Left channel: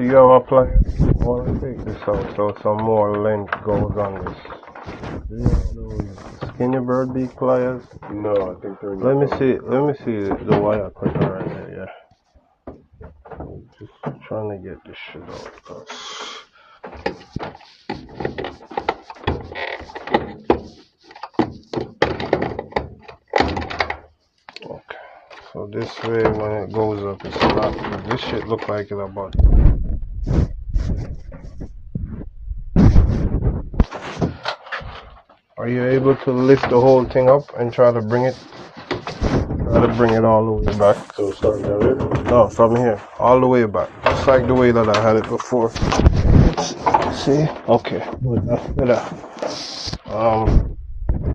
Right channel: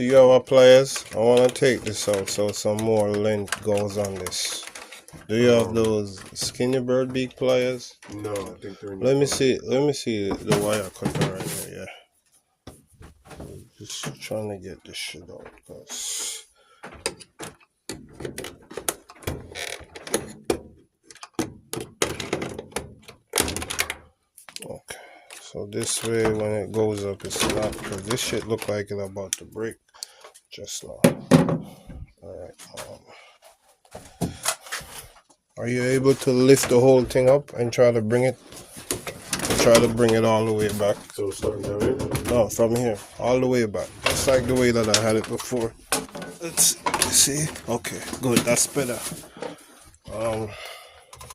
Do you have a pliers? I want to take this out so some more length goes on this. Do you have those Skinny Bird beak pliers? No, I think they're in Let me see the wire cutter right there, yeah. Just trying to get this shit out, cause okay. So this way when it goes up it's not, because this shit look like it's about to break. Just like, alright. Are you able to lift the whole thing up and try to bring it all the way back? So start down here? No, from here, all the way back. Just like the way that I had it before. See? Okay, good, that's better.